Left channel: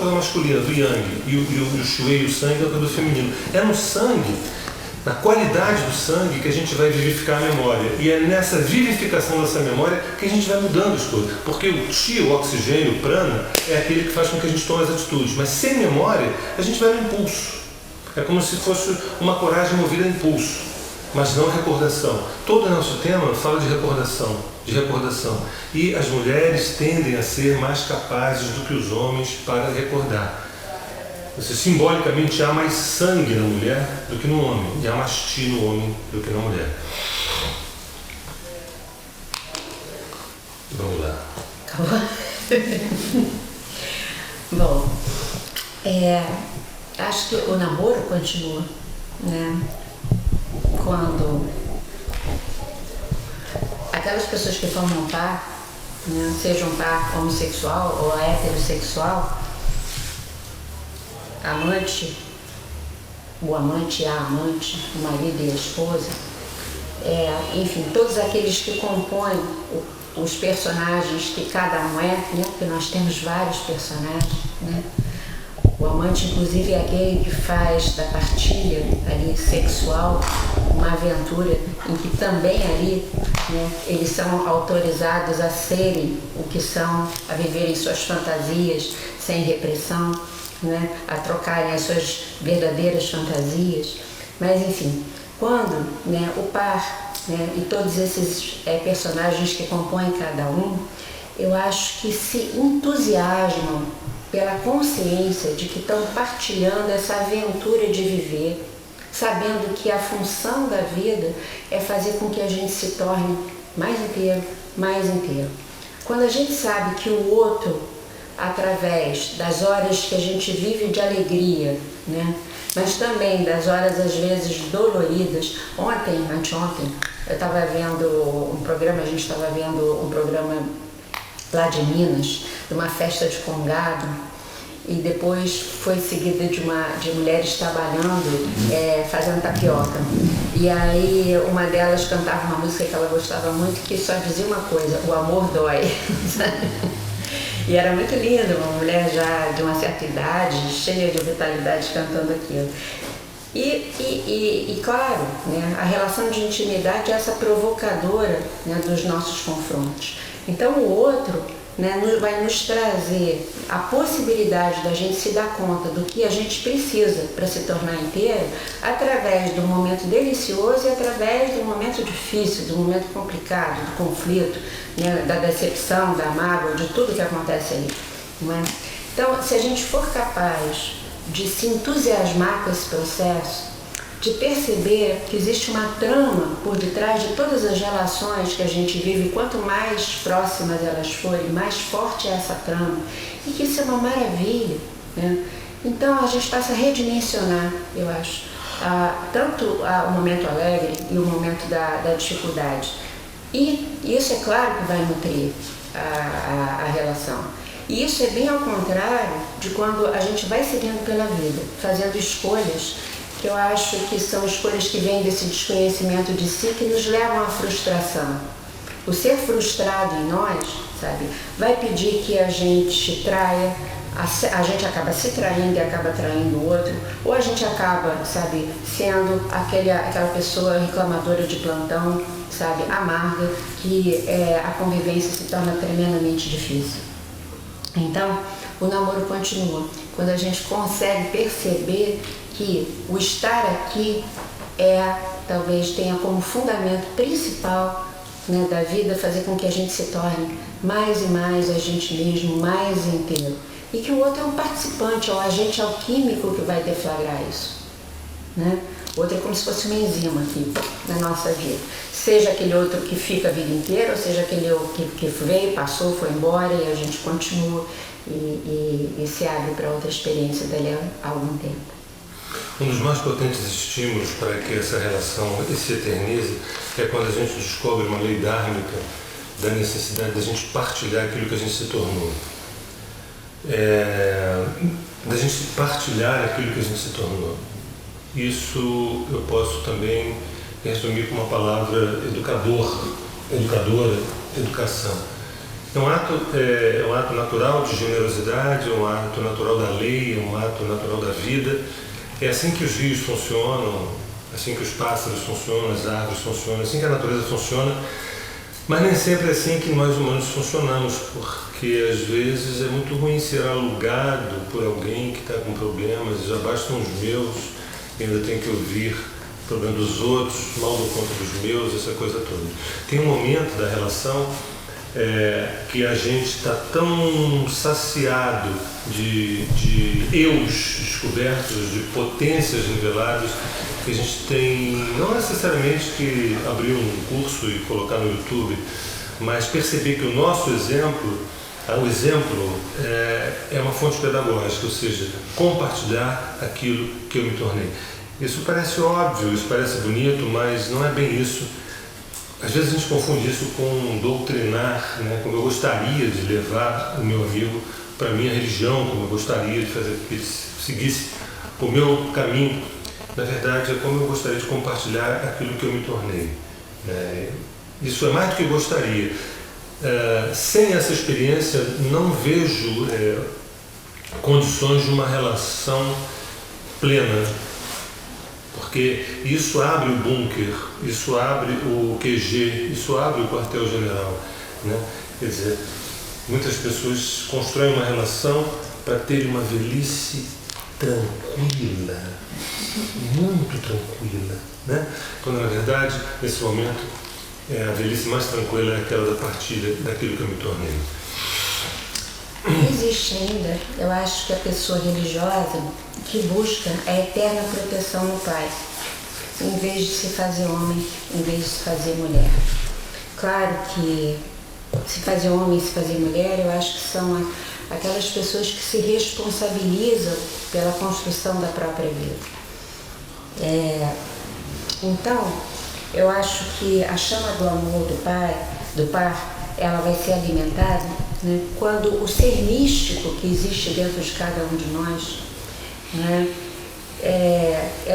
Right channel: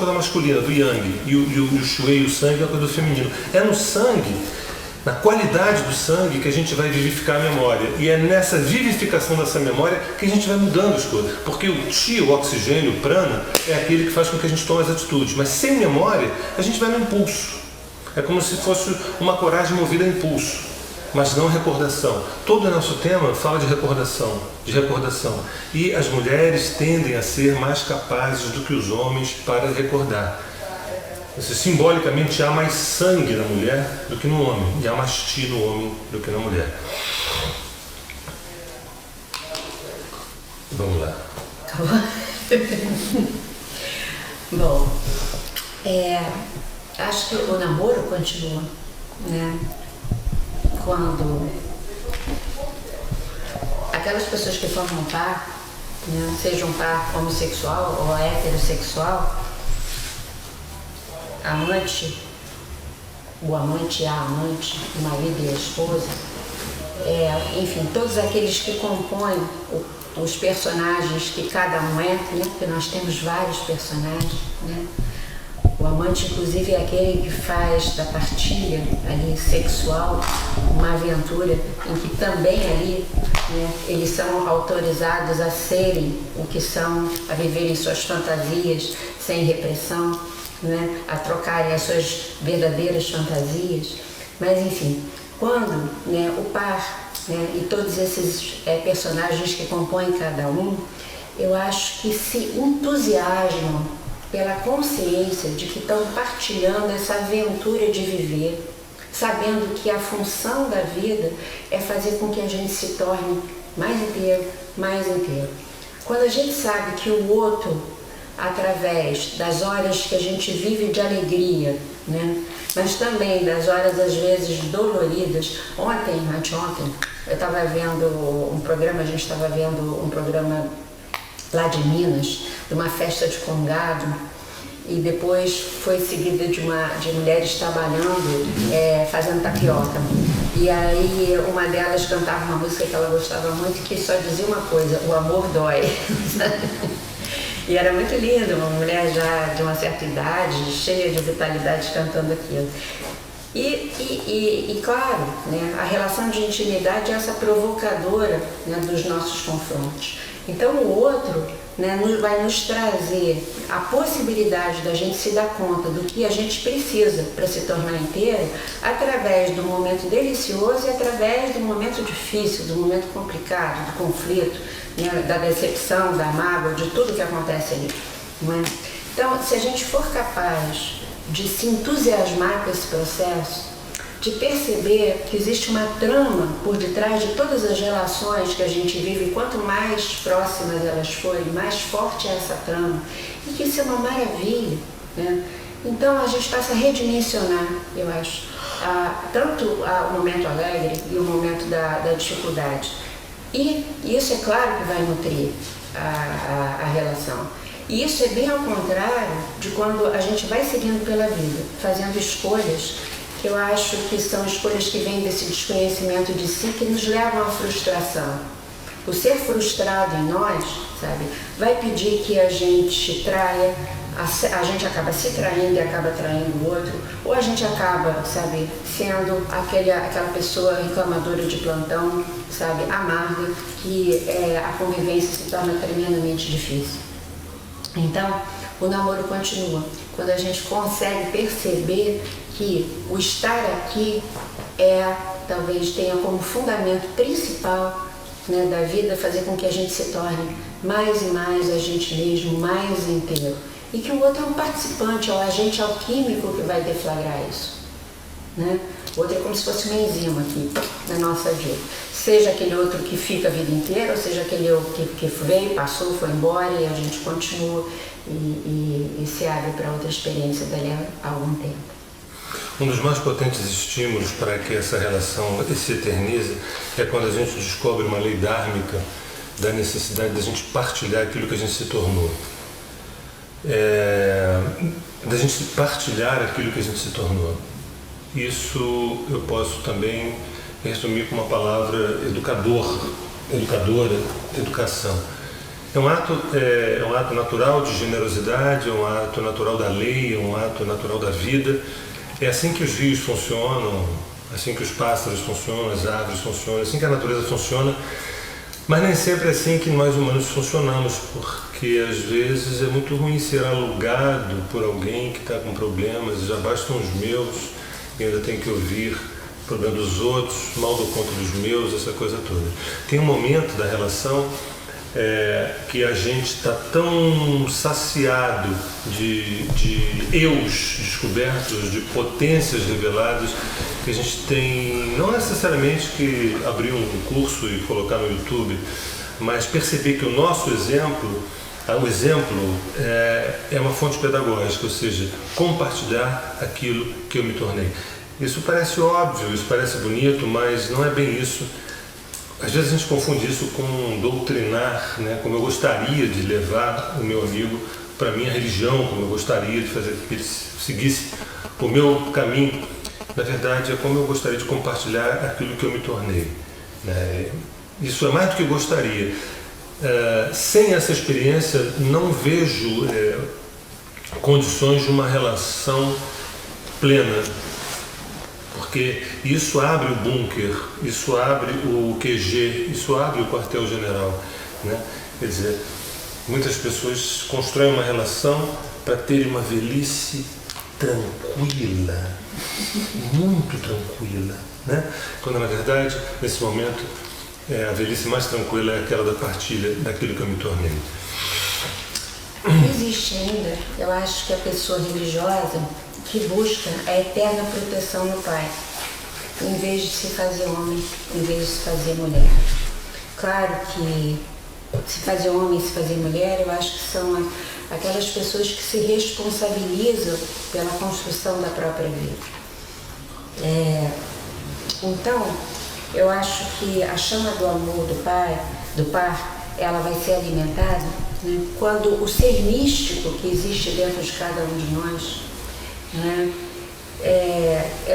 coisa masculina, do yang, e o shui, o sangue, é a coisa do feminino. É no sangue, na qualidade do sangue, que a gente vai vivificar a memória. E é nessa vivificação dessa memória que a gente vai mudando as coisas. Porque o chi, o oxigênio, o prana, é aquele que faz com que a gente tome as atitudes. Mas sem memória, a gente vai no impulso. É como se fosse uma coragem movida a impulso, mas não recordação. Todo o nosso tema fala de recordação, de recordação. E as mulheres tendem a ser mais capazes do que os homens para recordar. Simbolicamente, há mais sangue na mulher do que no homem, e há mais chi no homem do que na mulher. Vamos lá. Acabou? Bom, acho que o namoro continua, né? Quando aquelas pessoas que formam par, né, seja um par homossexual ou heterossexual, amante, o amante e a amante, o marido e a esposa, enfim, todos aqueles que compõem os personagens que cada um é, né, porque nós temos vários personagens, né? O amante, inclusive, é aquele que faz da partilha ali sexual uma aventura em que também ali, né, eles são autorizados a serem o que são, a viverem suas fantasias sem repressão, né, a trocarem as suas verdadeiras fantasias. Mas, enfim, quando, né, o par, né, e todos esses personagens que compõem cada um, eu acho que se entusiasmam pela consciência de que estão partilhando essa aventura de viver, sabendo que a função da vida é fazer com que a gente se torne mais inteiro, mais inteiro. Quando a gente sabe que o outro, através das horas que a gente vive de alegria, né, mas também das horas às vezes doloridas. Anteontem, eu estava vendo um programa, a gente estava vendo um programa lá de Minas, de uma festa de congado, e depois foi seguida de mulheres trabalhando, fazendo tapioca. E aí uma delas cantava uma música que ela gostava muito, que só dizia uma coisa: o amor dói. E era muito linda, uma mulher já de uma certa idade, cheia de vitalidade, cantando aquilo. E claro, né, a relação de intimidade é essa provocadora, né, dos nossos confrontos. Então o outro, né, vai nos trazer a possibilidade da gente se dar conta do que a gente precisa para se tornar inteiro, através do momento delicioso e através do momento difícil, do momento complicado, do conflito, né, da decepção, da mágoa, de tudo que acontece ali, né? Então, se a gente for capaz de se entusiasmar com esse processo, de perceber que existe uma trama por detrás de todas as relações que a gente vive, quanto mais próximas elas forem, mais forte é essa trama, e que isso é uma maravilha, né? Então a gente passa a redimensionar, eu acho, tanto o momento alegre e o momento da dificuldade. E isso é claro que vai nutrir a relação. E isso é bem ao contrário de quando a gente vai seguindo pela vida, fazendo escolhas que eu acho que são escolhas que vêm desse desconhecimento de si, que nos levam à frustração. O ser frustrado em nós, sabe, vai pedir que a gente traia, a gente acaba se traindo e acaba traindo o outro, ou a gente acaba, sabe, sendo aquela pessoa reclamadora de plantão, sabe, amarga, que a convivência se torna tremendamente difícil. Então, o namoro continua quando a gente consegue perceber que o estar aqui talvez tenha como fundamento principal, né, da vida, fazer com que a gente se torne mais e mais a gente mesmo, mais inteiro. E que o outro é um participante, é um agente alquímico que vai deflagrar isso, né? O outro é como se fosse uma enzima aqui na nossa vida. Seja aquele outro que fica a vida inteira, ou seja aquele que veio, passou, foi embora e a gente continua e se abre para outra experiência dali a algum tempo. Um dos mais potentes estímulos para que essa relação se eternize é quando a gente descobre uma lei dármica da necessidade da gente partilhar aquilo que a gente se tornou. Da gente partilhar aquilo que a gente se tornou. Isso eu posso também resumir com uma palavra educadora, educação. É um ato natural de generosidade, é um ato natural da lei, é um ato natural da vida. É assim que os rios funcionam, assim que os pássaros funcionam, as árvores funcionam, assim que a natureza funciona. Mas nem sempre é assim que nós humanos funcionamos, porque às vezes é muito ruim ser alugado por alguém que está com problemas, já bastam os meus, e ainda tem que ouvir o problema dos outros, mal dou conta dos meus, essa coisa toda. Tem um momento da relação que a gente está tão saciado de eus descobertos, de potências reveladas, que a gente tem não necessariamente que abrir um curso e colocar no YouTube, mas perceber que o nosso exemplo, o exemplo é uma fonte pedagógica, ou seja, compartilhar aquilo que eu me tornei. Isso parece óbvio, isso parece bonito, mas não é bem isso. Às vezes a gente confunde isso com doutrinar, né? Como eu gostaria de levar o meu amigo para a minha religião, como eu gostaria de fazer que ele seguisse o meu caminho. Na verdade, é como eu gostaria de compartilhar aquilo que eu me tornei, né? Isso é mais do que eu gostaria. Sem essa experiência, não vejo condições de uma relação plena. Porque isso abre o bunker, isso abre o QG, isso abre o quartel-general, né? Quer dizer, muitas pessoas constroem uma relação para ter uma velhice tranquila, muito tranquila, né? Quando na verdade, nesse momento, a velhice mais tranquila é aquela da partilha daquilo que eu me tornei. Existe ainda, eu acho que a pessoa religiosa que busca a eterna proteção no Pai, em vez de se fazer homem, em vez de se fazer mulher. Claro que se fazer homem e se fazer mulher, eu acho que são aquelas pessoas que se responsabilizam pela construção da própria vida. Então, eu acho que a chama do amor do Par, ela vai ser alimentada, né, quando o ser místico que existe dentro de cada um de nós, né,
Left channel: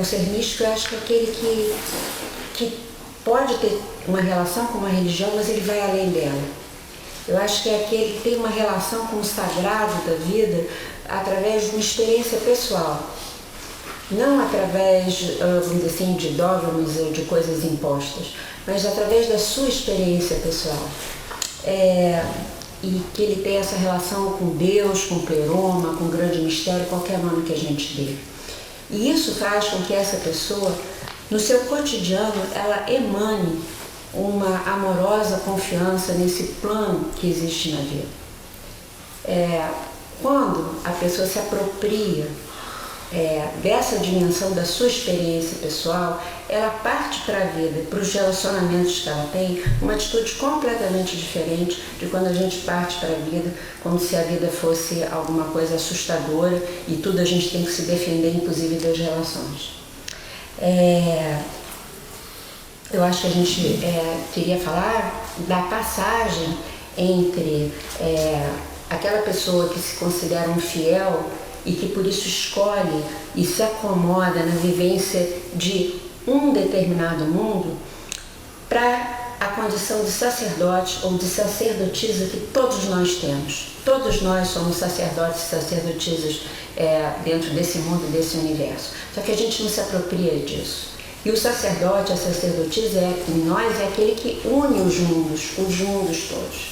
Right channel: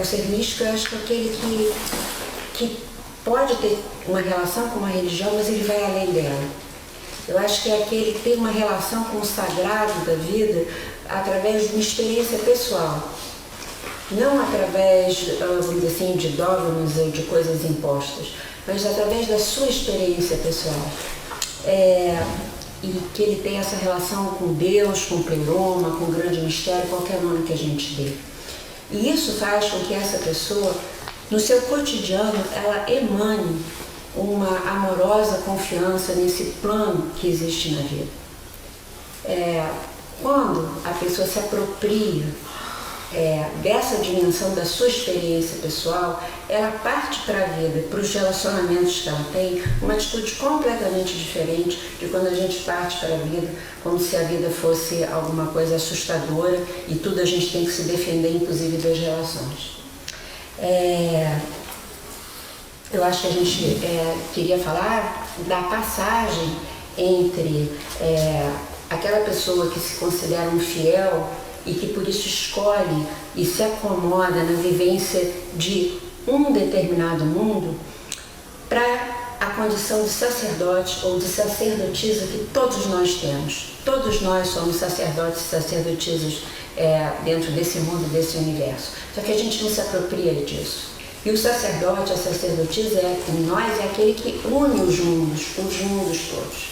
o ser místico, eu acho que é aquele que pode ter uma relação com uma religião, mas ele vai além dela. Eu acho que é aquele que tem uma relação com o sagrado da vida através de uma experiência pessoal. Não através, vamos dizer assim, de dogmas ou de coisas impostas, mas através da sua experiência pessoal. E que ele tem essa relação com Deus, com o pleroma, com o grande mistério, qualquer nome que a gente dê. E isso faz com que essa pessoa, no seu cotidiano, ela emane uma amorosa confiança nesse plano que existe na vida. Quando a pessoa se apropria dessa dimensão da sua experiência pessoal, ela parte para a vida, para os relacionamentos que ela tem, uma atitude completamente diferente de quando a gente parte para a vida como se a vida fosse alguma coisa assustadora e tudo a gente tem que se defender, inclusive das relações. Eu acho que a gente queria falar da passagem entre aquela pessoa que se considera um fiel e que por isso escolhe e se acomoda na vivência de um determinado mundo, para a condição de sacerdote ou de sacerdotisa que todos nós temos. Todos nós somos sacerdotes e sacerdotisas dentro desse mundo, desse universo. Só que a gente não se apropria disso. E o sacerdote, a sacerdotisa em nós é aquele que une os mundos todos.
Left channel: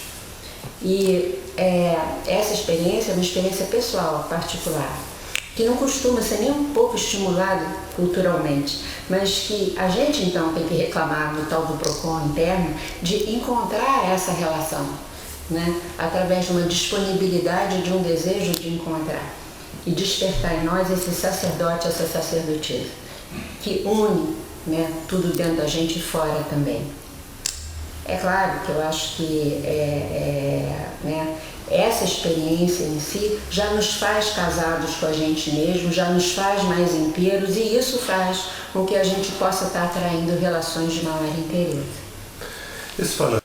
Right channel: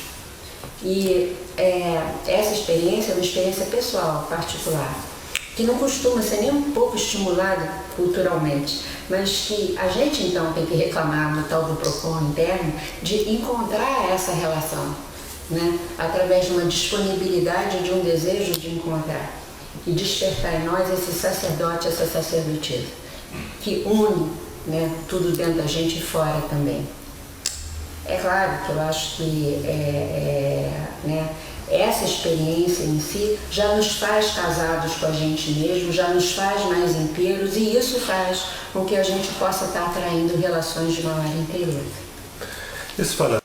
E essa experiência é uma experiência pessoal, particular, que não costuma ser nem um pouco estimulada culturalmente, mas que a gente então tem que reclamar no tal do PROCON interno de encontrar essa relação, né? Através de uma disponibilidade, de um desejo de encontrar e despertar em nós esse sacerdote, essa sacerdotisa, que une, né, tudo dentro da gente e fora também. É claro que eu acho que né, essa experiência em si já nos faz casados com a gente mesmo, já nos faz mais inteiros, e isso faz com que a gente possa estar atraindo relações de maior interesse. Isso fala